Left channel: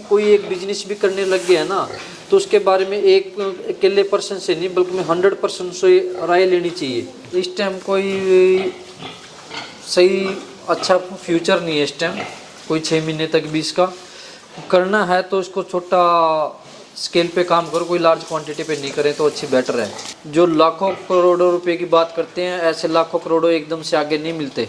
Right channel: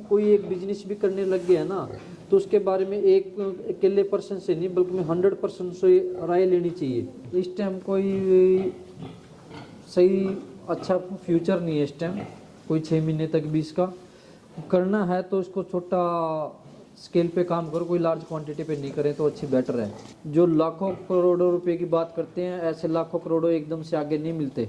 कोई एक बिजनेस भी करने लग गया है ना, तो उसके बारे में एक अकेले पर्सन से नहीं बल्कि 100% से राय लेनी चाहिए। इस टाइम कोई सही अच्छा फ्यूचर नहीं है इस टाइम, कोई 6 महीने तक भी इसका करना है तो इसको छोटा स्केल पे काम करो, कोई लार्ज क्वांटिटी पे नहीं करें तो अच्छी बेटर है। जो लाखों करोड़ों रुपए की बात करते हैं, ऐसे लाखों करोड़ों एकदम से आगे नहीं मिलते।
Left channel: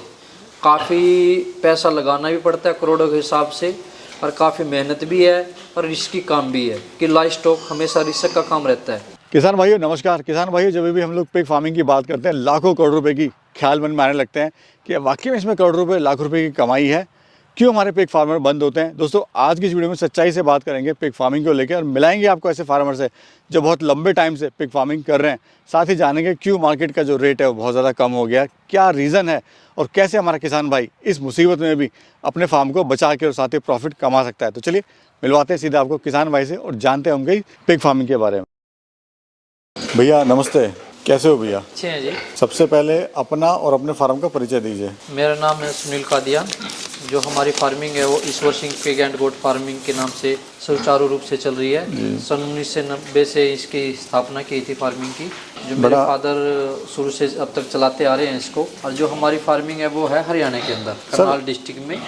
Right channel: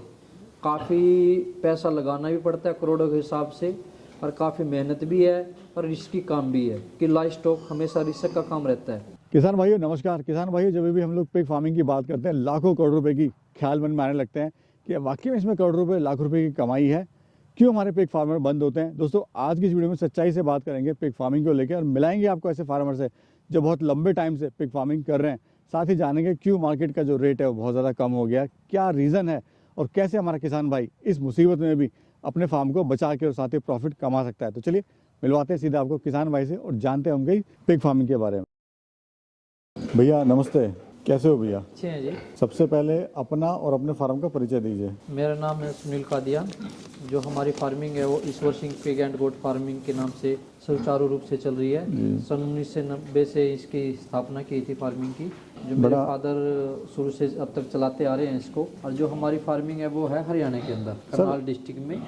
काफ़ी पैसा लगाना भी पड़ता है करोड़ों के हिसाब से, और काफ़ी मेहनत भी है और रिस्की काम भी है कि लाइव स्टॉक हमेशा रिस्क का काम रहता है। किसान भाइयों नमस्कार। किसान भाइयों, जब भी हम लोग पिग फार्मिंग की बात करते हैं, लाखों करोड़ रुपए की ख्याल मन में आने लगते हैं कि वाकई में इसमें करोड़ों रुपए लाख रुपए की कमाई है। क्यों हमारे पिग फार्मर बंद होते हैं? दोस्तों, आज की इस वीडियो में सच्चाई से बात करेंगे पिग फार्मिंग को लेकर और मिलाएंगे आपको ऐसे फार्मर से जो बहुत लंबे टाइम से पिग फार्मिंग कर रहे हैं। साथ ही जानेंगे क्यों मार्केट का जो रेट है वो बहुत ज़्यादा कम हो गया, क्या रीज़न है और कैसे हमारा किसान भाई इस मुसीबत में भी अपने फार्म को बचा के और साथ ही प्रॉफिट कमा सकता है। तो चलिए मिलवाते हैं सीधा आपको किसान भाई से और जानते हैं उनकी पिग फार्मिंग के बारे में। भैया नमस्ते, कैसे हो भैया? अच्छे हैं जी। सबसे पहले अपना और अपने फार्म का परिचय दीजिए। मेरा नाम है सुनील कादियान। जो हमारी फार्मिंग है वो Ishwar Singh pig and goat farming के नाम से सुचारू रूप से चल रही है। सन 1990 से इसकी स्थापना की थी फार्मिंग की, जो मेरे फादर शुरू से अब तक चलाते आ रहे हैं इसको। और जो हमारी फार्मिंग है वो है हरियाणा के अंदर करनाल डिस्ट्रिक्ट में,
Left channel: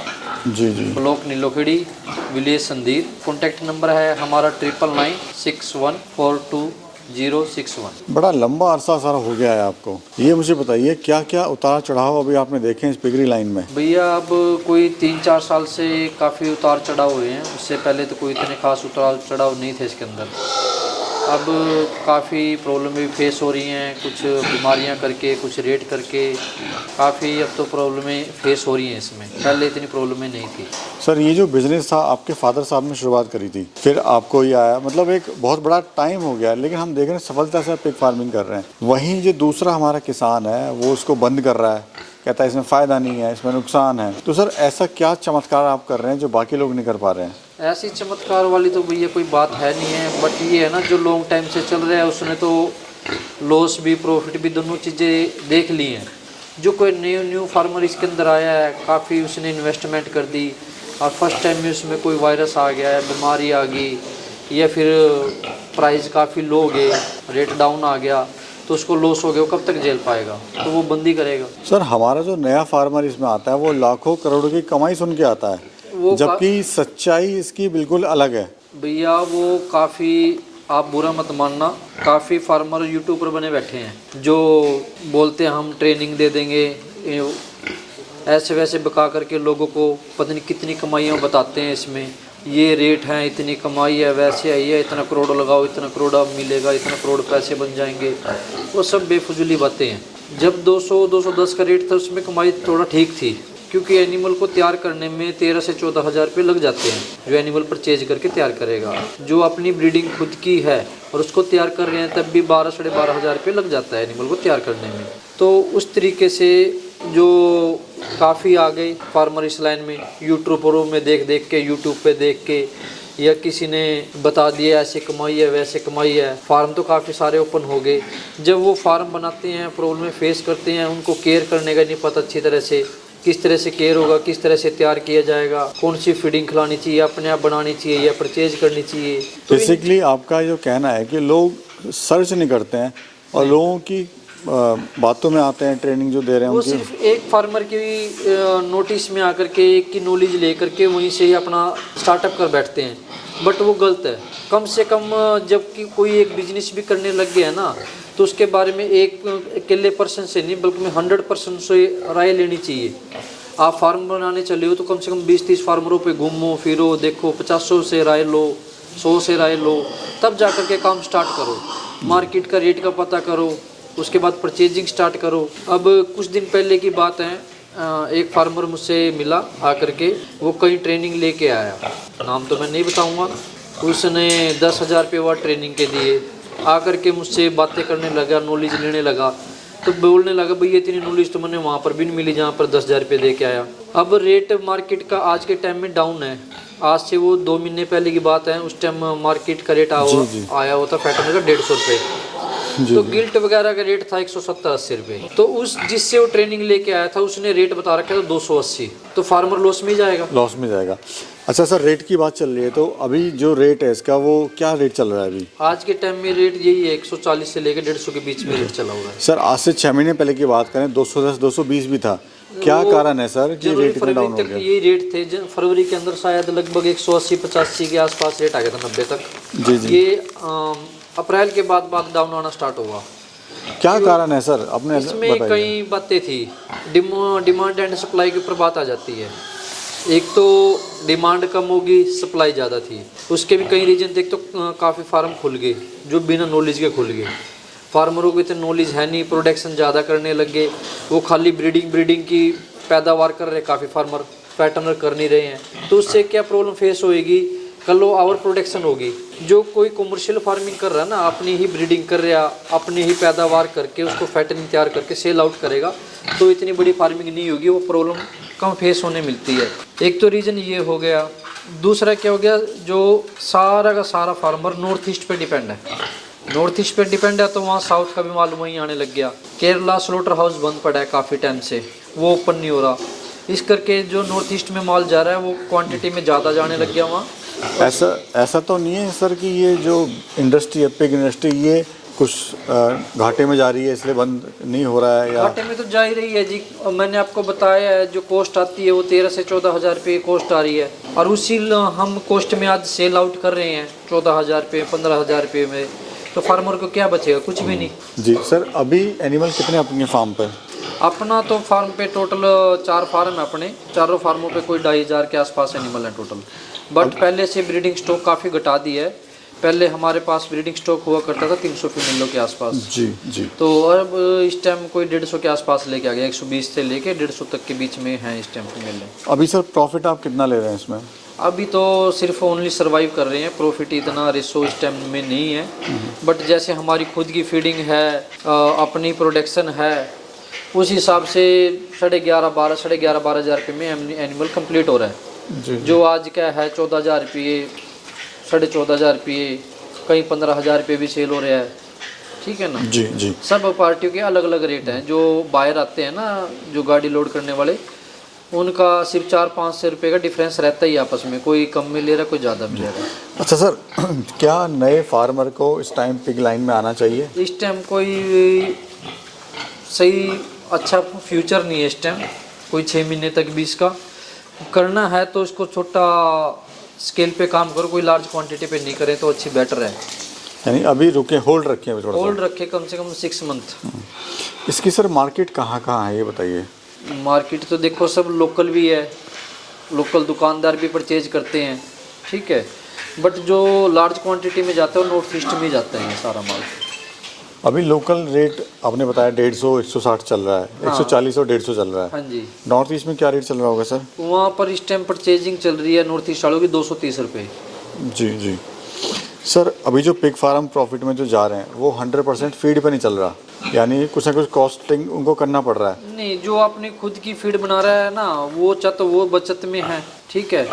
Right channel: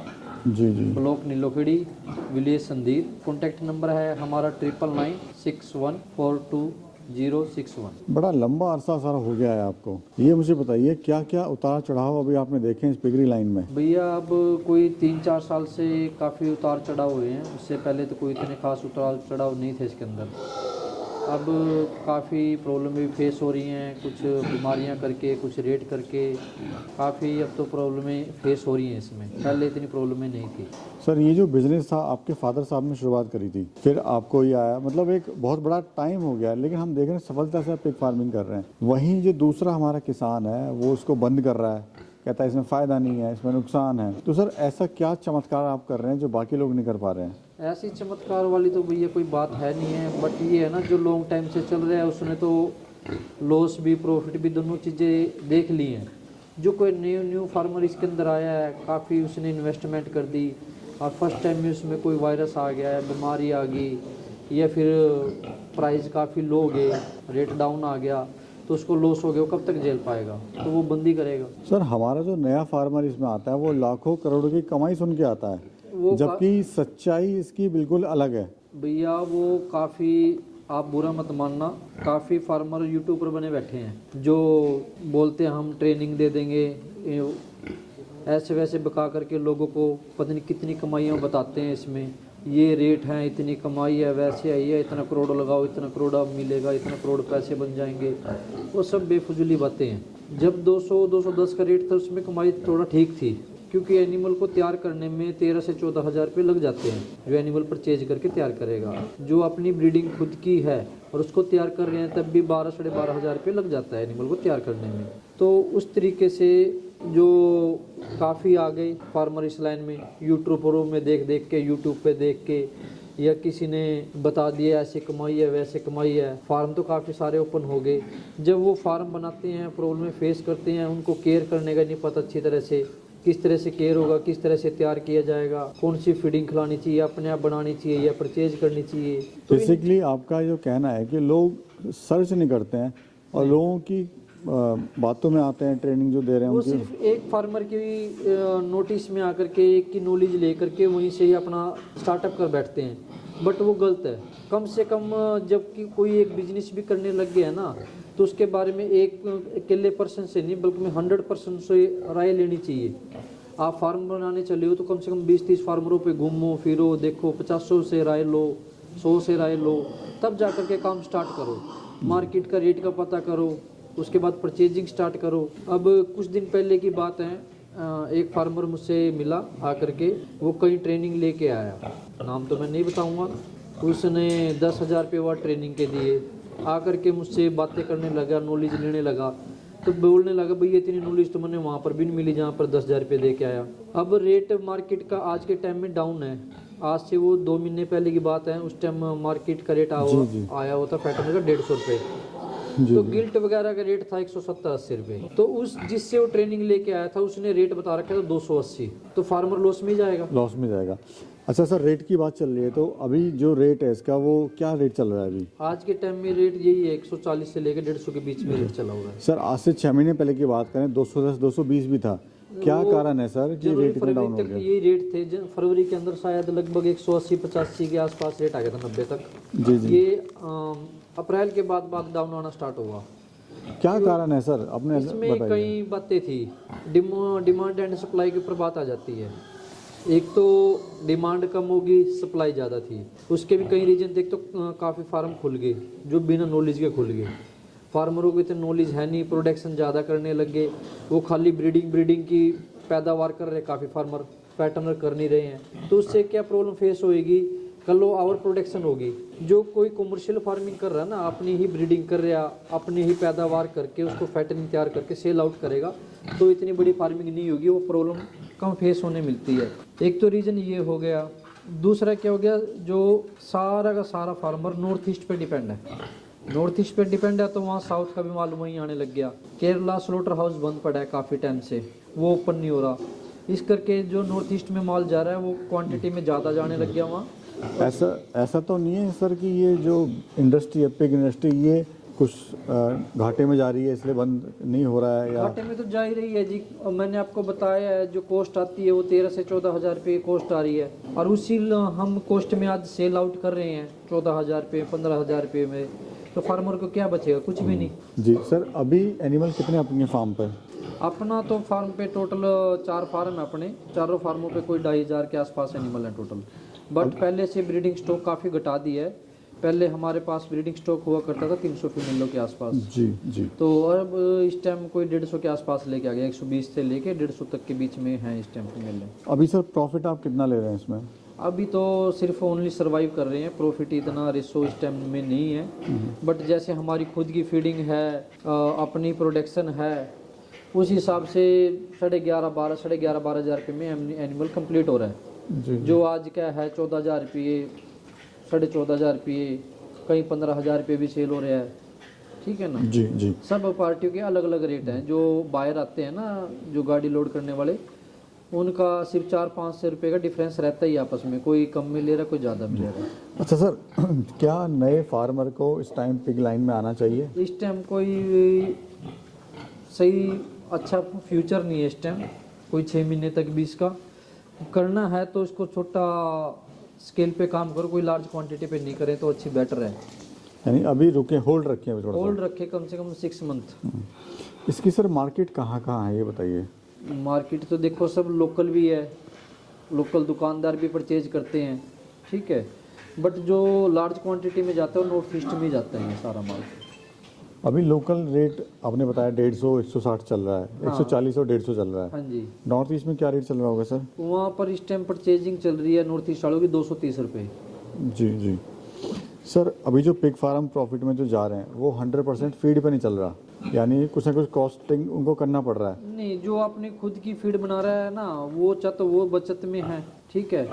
जी, block Nilokheri, village Sandir. Contact number है हमारा 9996142061। बड़ा लंबा अरसा सारा हो गया है आपको। ये मुझे बताइए क्या क्या उतार चढ़ाव अभी आपने देखे इस पिगरी लाइन में? भैया अब कोई 3-4 साल से काफ़ी उतार चढ़ाव हुए हैं। उससे पहले तो कोई इतने खास उतार चढ़ाव नहीं थे इसके अंदर। अब काफ़ी प्रॉब्लम भी फेस हो रही हैं, कुछ बीमारियां करके, कुछ रेट करके काफ़ी अब तो प्रॉब्लमें फेस हो रही हैं इसमें। पहले इतनी प्रॉब्लमें नहीं थी। सर, ये जो बिजनेस था आपके फादर साहब ने शुरुआत करी थी, फिर आपको ये आया, मतलब एक बहुत बड़ा टाइम हो गया, लेकिन हम देख रहे हैं सफलता से पिग फार्मिंग कर रहे हैं। वहीं जो दूसरा हमारा किसान है वो उसको बंद कर रहा है, कहता है इसमें फ़ायदा नहीं है, इसमें नुकसान है। तो सर ऐसा क्या चमत्कार आप कर रहे हैं जो बाकी लोग नहीं कर पा रहे हैं? ऐसी चमत्कार वाली तो भैया कोई बात है नहीं है, बट ये है ना जो लॉन्ग टाइम से चल रहा है उसने तो लॉस भी प्रॉफिट भी दोनों चीज़ें देख ली हैं। जो कोई न्यू फार्मर इसके अंदर आया है, काफ़ी उसने इन्वेस्टमेंट कर दी और फर्स्ट टाइम में उसमें कोई वायरस आ गया है, बीमारी आ गई, या फिर प्राइस काफ़ी लो हो गए, रेट डाउन आ गया, तो उसको लॉस हो गया, वो कब तक झेल पाएगा? तो वो बंदी करेगा। सर, हमारा जो नया फार्मर इसमें आता है वो लाखों करोड़ों की कमाई सुन के आता है, जबकि सच्चाई इसकी बिल्कुल अलग है। भैया वो काफ़ी, आप बुरा मत मानना, काफ़ी फार्मर यूट्यूबर बने बैठे हैं जो बोलते हैं हम ट्रेनिंग दे देंगे, ऐसे वैसे बका करके लोगों को पता नहीं कितनी कमाइयाँ बताते हैं इसमें। ये रेट है, इतनी कमाई है, वैसे है, ये इतना करोड़ लगाओ, इतना करोड़ अब मिलेगा, इतना करोड़ पैसे बन जाएंगे। वो सब बेफजूली बातें हैं। जब 200-210 का रेट था उसमें कमाई थोड़ा ठीक थी, क्योंकि एनिमल को तैयार करने में 13 से 14 हज़ार रुपये लग जाते हैं। जो एनिमल परचेज करके तैयार करेगा, जो अपनी ब्रीडिंग खुद की है और उसको तैयार कर रहे हैं, तब भी 12-12.5 हज़ार रुपये लग जाता है एनिमल को तैयार करने में। तो उस तरीके से जो काफ़ी आ गए फार्मर इस लाइन में, यूट्यूबरों में देख देख के, यूट्यूब पे देख के, या किसी ने बता दिया ऐसे कमाई है वैसे कमाई है, फार्म तो काफ़ी सारे ओपन हो गए। जब वो फार्म बनाते हैं, प्रॉब्लम फेस करते हैं, उनको केयर करने का नहीं पता अच्छी तरह से, किस तरह से केयर होगा, किस तरह से तैयार किया जाएगा, कौन सी फीडिंग खिलानी चाहिए, अपने आप बनानी चाहिए या परचेज करनी चाहिए। तो बेसिकली आपका जो कहना है कि लोग सर्च नहीं करते हैं और लोगों की बातों में आते हैं, ट्रेनिंग जो दे रहे हैं वो सिर्फ एक फार्मर की नोटिस में आकर के, एक की नॉलेज लेकर के वहीं से ही अपना स्टार्टअप कर बैठते हैं, बट वो गलत है। कम से कम जबकि कोई एक बिजनेस भी करने लग गया है ना, तो उसके बारे में एक अकेले पर्सन से नहीं बल्कि 100% से राय लेनी चाहिए। आप फार्म बनाने चले हो तो कम से कम 20-30 फार्मरों पे घूमो फिरो, देखो, 50 से राय लो, 100 से राय लो, तब जा कर के काम स्टार्ट करो। मार्केट का रेट का पता करो, उसके बाद परचेजिंग स्टार्ट करो। अब कुछ दिन पहले की बात है, एक फार्मर मुझसे मिला आकर के, वो कहीं ट्रेनिंग लेके आया, नाम तो मैं नहीं बताऊंगा। उसने 10,000 रुपये वह ट्रेनिंग के दिए, आकर के मुझसे बातें करने लगा, नॉलेज लेने लगा, तो बोलने लगा भैया इतनी नॉलेज तो मैंने वहाँ पर भी नहीं मिली जहाँ पर 10,000 रुपये दे के आया। अब रेट मार्केट का आज के टाइम में डाउन है। आज से वो 2 महीने पहले की बात है, उस टाइम मार्केट का रेट आया हुआ था फैटनर का 150 रुपये। तो गिल्ट वगैरह का रेट था 170-80 रुपये। तो उस जिससे वो ट्रेनिंग लेके आया था उसने रेट बता रखा था 280, तो फार्मर लॉस में ही जाएगा। लॉस में जाएगा। अच्छा सर, रेट की बात चल रही है, तो अभी जो रेट है इसका वो क्या रेट चल रहा है अभी? आज के टाइम में रेट यही है, 140 से लेकर 150 के बीच में रेट चला हुआ है। सर आज से 6 महीने पहले की बात करें 210 220 भी था, क्या कारण है सर कि रेट इतना डाउन हो गया? ये रेट थे फरवरी के अंदर शायद लगभग 180-85 के आसपास रेट आ गया था, 90 तक। जी जी। ये अप्रैल के बाद डाउन आना स्टार्ट हुआ। क्या कारण है सर, अपने इसमें कई बातें थी, डिमांड एंड सप्लाई के ऊपर बात आ जाती है। एक तो डिमांड कम होगी, सप्लाई ज़्यादा थी, उसके भी कई रीजन थे। एक तो काफ़ी फार्म खुल गए जो बिना नॉलेज के खुल गए, फार्मरों को इतनी नॉलेज है नहीं, प्रोडक्शन ज़्यादा करने लग गए, वो खाली ब्रीडिंग की पैदावार कर रहे, काफ़ी फार्मर पैटर्नर कर नहीं रहे हैं। तो उससे क्या प्रॉब्लम फेस होएगी, कल वो ओवर प्रोडक्शन होगी। जो कोई कमर्शियल फार्मिंग कर रहा है ना, अपनी ही ब्रीडिंग कर रहा, अपनी ही पैदावार करके उसको फैटनिंग तैयार करके सेल आउट करेगा, तो इतनी बड़ी फार्मिंग नहीं होगी, वो प्रॉब्लम कम फेस होने मिलती है। एक तो रीज़न ये हो गया। दूसरा क्या हो गया, जो सारा का सारा फार्मर नॉर्थ ईस्ट पे डिपेंड है। नॉर्थ ईस्ट पे डिपेंड है तो वहाँ साउथ का भी माल वहीं आने लग गया। केरला स्लोटर हाउस बंद पड़ा है काफ़ी टाइम से, वो ओपन नहीं हो रहा। इस करके जो नॉर्थ ईस्ट में माल जा रहा है वो क्वांटिटी में ज़्यादा जाने लग गया वहाँ। ऐसा तो नहीं है सर कि ये जो इंडस्ट्री है, पिग इंडस्ट्री, ये कुछ घाटे में जा रही है इसलिए बंद नहीं हो रहा है? या घाटे में तो जा ही रही है जी। मैंने आपको बताया है, जो कॉस्ट आती है वो 13 से 14 हज़ार रुपये कॉस्ट आ रही है, और उसी हम कॉस्ट में आज सेल आउट कर रहे हैं 14 हज़ार रुपये, 15 हज़ार रुपये में। तो फार्मर को क्या बचेगा, कुछ भी नहीं। जी सर, अभी एनिमल कितने अपने फार्म पर? अपना तो फार्म पे टोटल 4 फार्म है अपने, चारों फार्मों पे कोई 2,500 के आसपास एनिमल है टोटल। बट पहले से ब्रीडिंग स्टॉक काफ़ी घटा दी है। पहले हमारे पास ब्रीडिंग स्टॉक हुआ करता था 300 फीमेलों के आसपास। जी जी। तो अब इस टाइम कोई 150 के आसपास लेके आ गया, 120 से लेके 150 तक के बीच में है इस टाइम फीमेल। अभी सर प्रॉफिट आप कितना ले रहे हैं इसमें? अभी तो सिर्फ ओनली सर्वाइव कर रहे हैं, प्रॉफिट इतना रेशो इस टाइम में नहीं है। बट जैसे हमारी खुद की फीडिंग है, अपनी प्रोडक्शन है, उस हिसाब से 11,500-12,500 रुपये में एनिमल कंप्लीट हो रहा है। जी। जो आज का है 14,000 रुपये, 14,500 रुपये, कहीं 15,000 रुपये भी सेल हो रहा है। ठीक है ना जी जी। सब पार्टियों के अलग अलग रेट हैं। जो बाहर आते हैं ना, जो गाड़ी लोड करने वाले, उनका सिर्फ 400-500 रुपये का डिफरेंस रहता ही आपस में, कोई कम में ले रहा है, कोई ज़्यादा में ले रहा है। अच्छा सर, क्या नए फार्मर को इस टाइम पिग लाइन में आना चाहिए? इस टाइम कोई सही अच्छा फ्यूचर नहीं है इस टाइम। कोई 6 महीने तक भी इसका करना है तो इसको छोटा स्केल पे काम करो, कोई लार्ज क्वांटिटी पे नहीं करें तो अच्छी बेटर है। यानी अभी रुके, होल्ड रखें अभी थोड़ा होल्ड रखे कम से कम 6 मंथ। इसकी सर मार्केट कहाँ है ये बताइए? मार्केट तो देखो सब लोकल भी है, लोकल दुकानदार भी परचेज करते हैं, ठीक है। बट जो लार्ज क्वांटिटी में जाता है वो नॉर्थ ईस्ट में जाता है ये सारा माल। अभी लोकल रेट आपने बताया 150 160 चल रहा है, 140 और 150 चल रहा है। हाँ जी। नॉर्थ ईस्ट में क्या रेट चल रहा होगा सर? वहाँ पर इस टाइम परचेजिंग चल रही है नॉर्थ ईस्ट वालों की 230 रुपये। जी जी। सर अभी जो पिग फार्म प्रॉफिट में जो जा रहे हैं वो 100% फीड पे नहीं चल रहा, यानी कुछ ना कुछ कॉस्टिंग उनको करना पड़ रहा है। नहीं, जो अपनी खुद की फीड बना रहा है ना, वो तो वो बचत में है, ठीक है।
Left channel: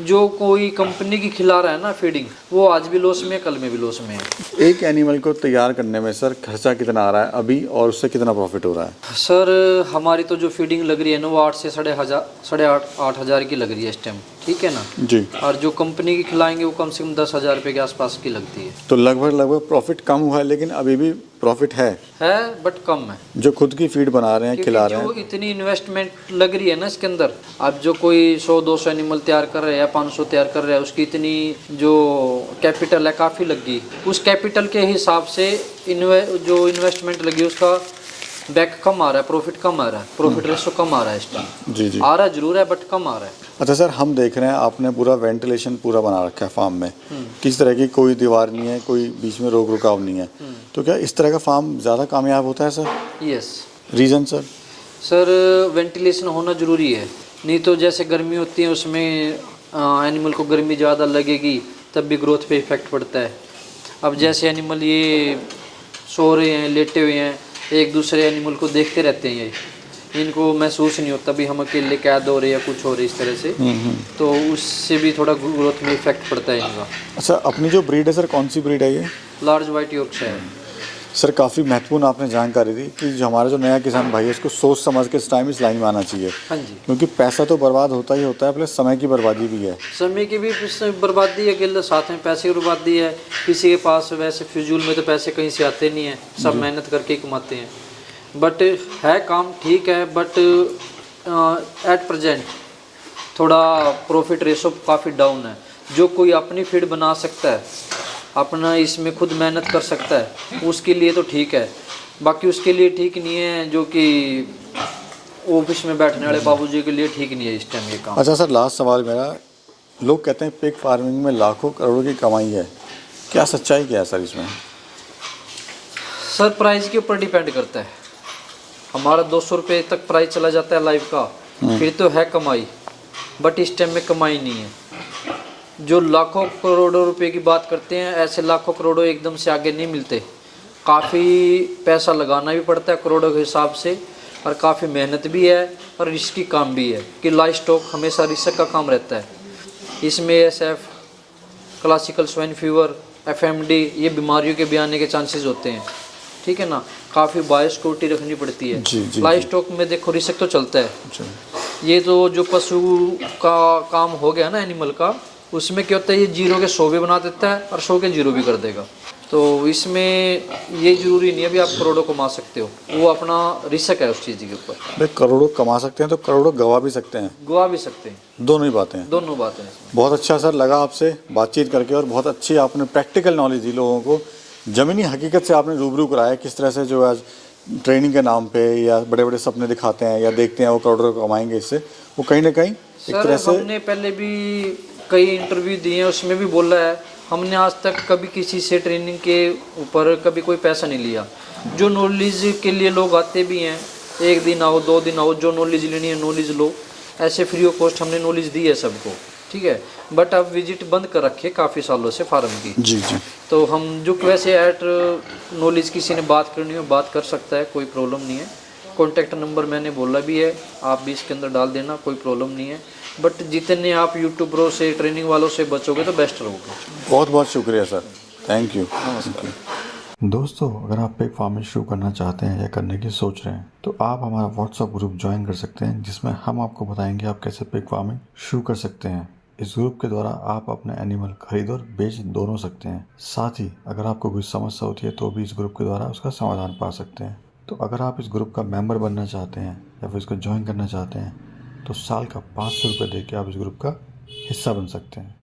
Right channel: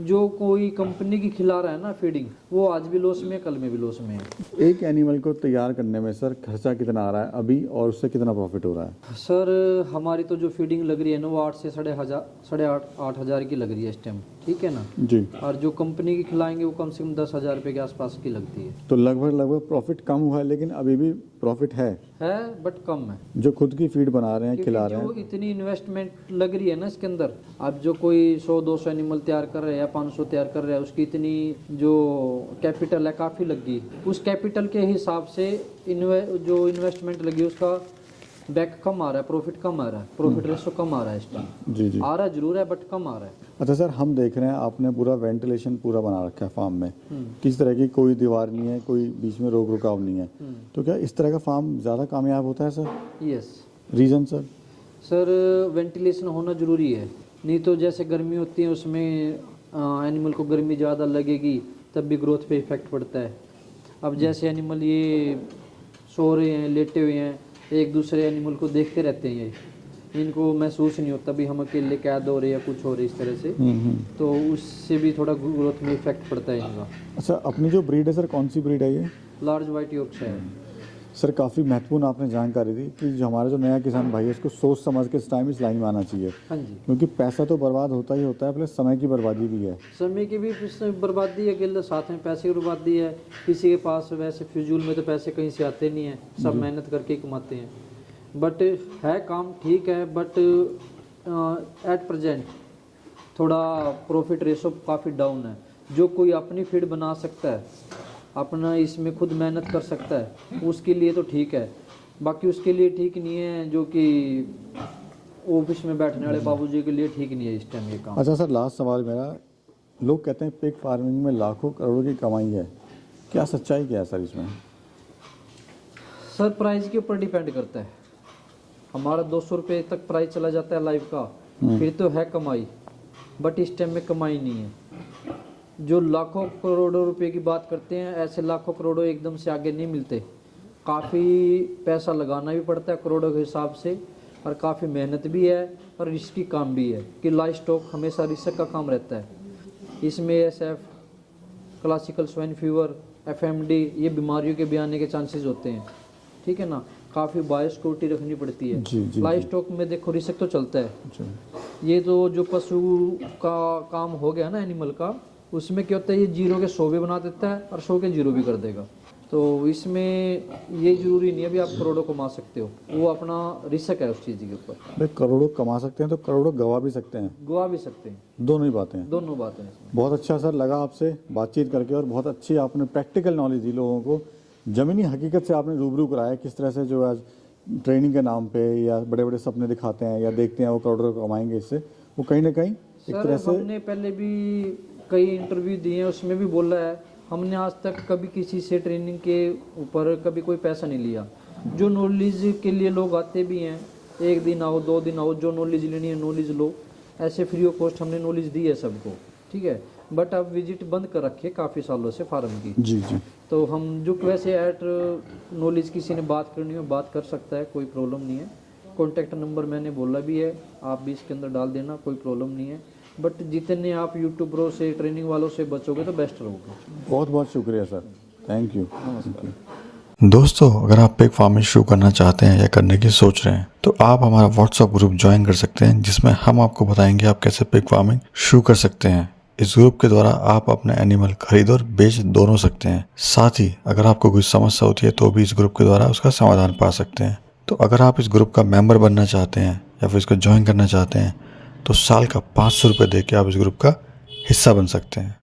जो कोई कंपनी की खिला रहा है ना फीडिंग, वो आज भी लॉस में है, कल में भी लॉस में है। एक एनिमल को तैयार करने में सर खर्चा कितना आ रहा है अभी, और उससे कितना प्रॉफिट हो रहा है? सर हमारी तो जो फीडिंग लग रही है ना, वो 8 से 8,500 की लग रही है इस टाइम, ठीक है ना जी। और जो कंपनी की खिलाएंगे वो कम से कम 10,000 रुपये के आसपास की लगती है। तो लगभग प्रॉफिट कम हुआ है, लेकिन अभी भी प्रॉफिट है बट कम है। जो खुद की फीड बना रहे हैं, खिला रहे हैं। जो इतनी इन्वेस्टमेंट लग रही है ना इसके अंदर, अब जो कोई 100-200 एनिमल तैयार कर रहे हैं या 500 तैयार कर रहे हैं, उसकी इतनी जो कैपिटल है काफ़ी लगी। उस कैपिटल के हिसाब से जो इन्वेस्टमेंट लगी उसका बैक कम आ रहा है, प्रॉफिट कम आ रहा है, प्रॉफिट रेशो कम आ रहा है इस टाइम। जी जी। आ रहा जरूर है बट कम आ रहा है। अच्छा सर, हम देख रहे हैं आपने पूरा वेंटिलेशन पूरा बना रखा है फार्म में, किसी तरह की कोई दीवार नहीं है, कोई बीच में रोक रुकाव नहीं है, तो क्या इस तरह का फार्म ज़्यादा कामयाब होता है sir? Yes. Reason sir? Sir ventilation होना ज़रूरी है, नहीं तो जैसे गर्मी होती है उसमें एनिमल को गर्मी ज़्यादा लगेगी, तब भी ग्रोथ पे इफेक्ट पड़ता है। अब जैसे एनिमल ये सो रहे हैं, लेटे हुए हैं, एक दूसरे एनिमल को देखते रहते हैं, ये इनको महसूस नहीं होता भी हम अकेले कैद हो रहे या कुछ हो रहे इस तरह से, तो उससे भी थोड़ा ग्रोथ में इफेक्ट पड़ता है इनका। अच्छा, अपनी जो ब्रीड है सर, कौन सी ब्रीड है ये? Large white Yorkshire. सर काफ़ी महत्वपूर्ण आपने जानकारी दी कि जो हमारा जो नया किसान भाई है उसको सोच समझ के इस टाइम इस लाइन में आना चाहिए, हाँ जी। क्योंकि पैसा तो बर्बाद होता ही होता है, प्लस समय की बर्बादी भी है। समय की भी बर्बादी है, गिल्ल साथ में पैसे की बर्बादी है। किसी के पास वैसे फिजूल में तो पैसे कहीं से आते नहीं हैं, सब मेहनत करके ही कमाते हैं। बट है काम ठीक है, बट एट प्रेजेंट थोड़ा प्रॉफिट रेशो काफ़ी डाउन है। जो कोई अपनी फीड बना सकता है, अपना इसमें खुद मेहनत कर सकता है, उसके लिए तो ठीक है। बाकी उसके लिए ठीक नहीं है जो कि ऑफिस में बैठने वाले बाबूजी के लिए ठीक नहीं है इस टाइम ये काम। अच्छा सर, लास्ट सवाल मेरा, लोग कहते हैं पिग फार्मिंग में लाखों करोड़ों की कमाई है, क्या सच्चाई क्या है सर इसमें? सर प्राइस के ऊपर डिपेंड करता है। हमारा 200 रुपये तक प्राइस चला जाता है लाइव का, फिर तो है कमाई, बट इस टाइम में कमाई नहीं है। जो लाखों करोड़ों रुपए की बात करते हैं, ऐसे लाखों करोड़ों एकदम से आगे नहीं मिलते। काफ़ी पैसा लगाना भी पड़ता है करोड़ों के हिसाब से, और काफ़ी मेहनत भी है और रिस्की काम भी है कि लाइव स्टॉक हमेशा रिस्क का काम रहता है। इसमें SF, classical swine fever, FMD ये बीमारियों के भी आने के चांसेस होते हैं, ठीक है ना। काफ़ी बायोसिक्योरिटी रखनी पड़ती है। लाइव स्टॉक में देखो रिस्क तो चलता है। ये तो जो पशु का काम हो गया ना एनिमल का, उसमें क्या होता है, ये 0 के 100 भी बना देता है और 100 के 0 भी कर देगा। तो इसमें ये ज़रूरी नहीं है भी आप करोड़ों कमा सकते हो, वो अपना रिस्क है उस चीज़ के ऊपर। भाई करोड़ों कमा सकते हैं तो करोड़ों गवा भी सकते हैं, गवा भी सकते हैं, दोनों ही बातें हैं। दोनों बातें हैं। बहुत अच्छा सर लगा आपसे बातचीत करके, और बहुत अच्छी आपने प्रैक्टिकल नॉलेज दी लोगों को, ज़मीनी हकीकत से आपने रूबरू कराया किस तरह से जो आज ट्रेनिंग के नाम पे या बड़े बड़े सपने दिखाते हैं या देखते हैं वो करोड़ों कमाएंगे इससे, वो कहीं ना कहीं एक तरह से। हमने पहले भी कई इंटरव्यू दिए हैं, उसमें भी बोला है हमने आज तक कभी किसी से ट्रेनिंग के ऊपर कभी कोई पैसा नहीं लिया। जो नॉलेज के लिए लोग आते भी हैं, 1 दिन आओ 2 दिन आओ, जो नॉलेज लेनी है नॉलेज लो, ऐसे फ्री ऑफ कॉस्ट हमने नॉलेज दी है सबको, ठीक है। बट अब विजिट बंद कर रखी है काफ़ी सालों से फार्म की। जी जी। तो हम जो वैसे एट नॉलेज किसी ने बात करनी हो बात कर सकता है, कोई प्रॉब्लम नहीं है। कॉन्टैक्ट नंबर मैंने बोला भी है, आप भी इसके अंदर डाल देना, कोई प्रॉब्लम नहीं है। बट जितने आप यूट्यूबरों से ट्रेनिंग वालों से बचोगे तो बेस्ट रहोगे। बहुत बहुत शुक्रिया सर, थैंक यू। नमस्कार। दोस्तों, अगर आप पिग फार्मिंग शुरू करना चाहते हैं या करने की सोच रहे हैं तो आप हमारा व्हाट्सएप ग्रुप ज्वाइन कर सकते हैं, जिसमें हम आपको बताएंगे आप कैसे पिग फार्मिंग शुरू कर सकते हैं। इस ग्रुप के द्वारा आप अपने एनिमल खरीद और बेच दोनों सकते हैं। साथ ही अगर आपको कोई समस्या होती है तो भी इस ग्रुप के द्वारा उसका समाधान पा सकते हैं। तो अगर आप इस ग्रुप का मेंबर बनना चाहते हैं या फिर इसको ज्वाइन करना चाहते हैं तो साल का 500 रुपये दे के आप इस ग्रुप का हिस्सा बन सकते हैं।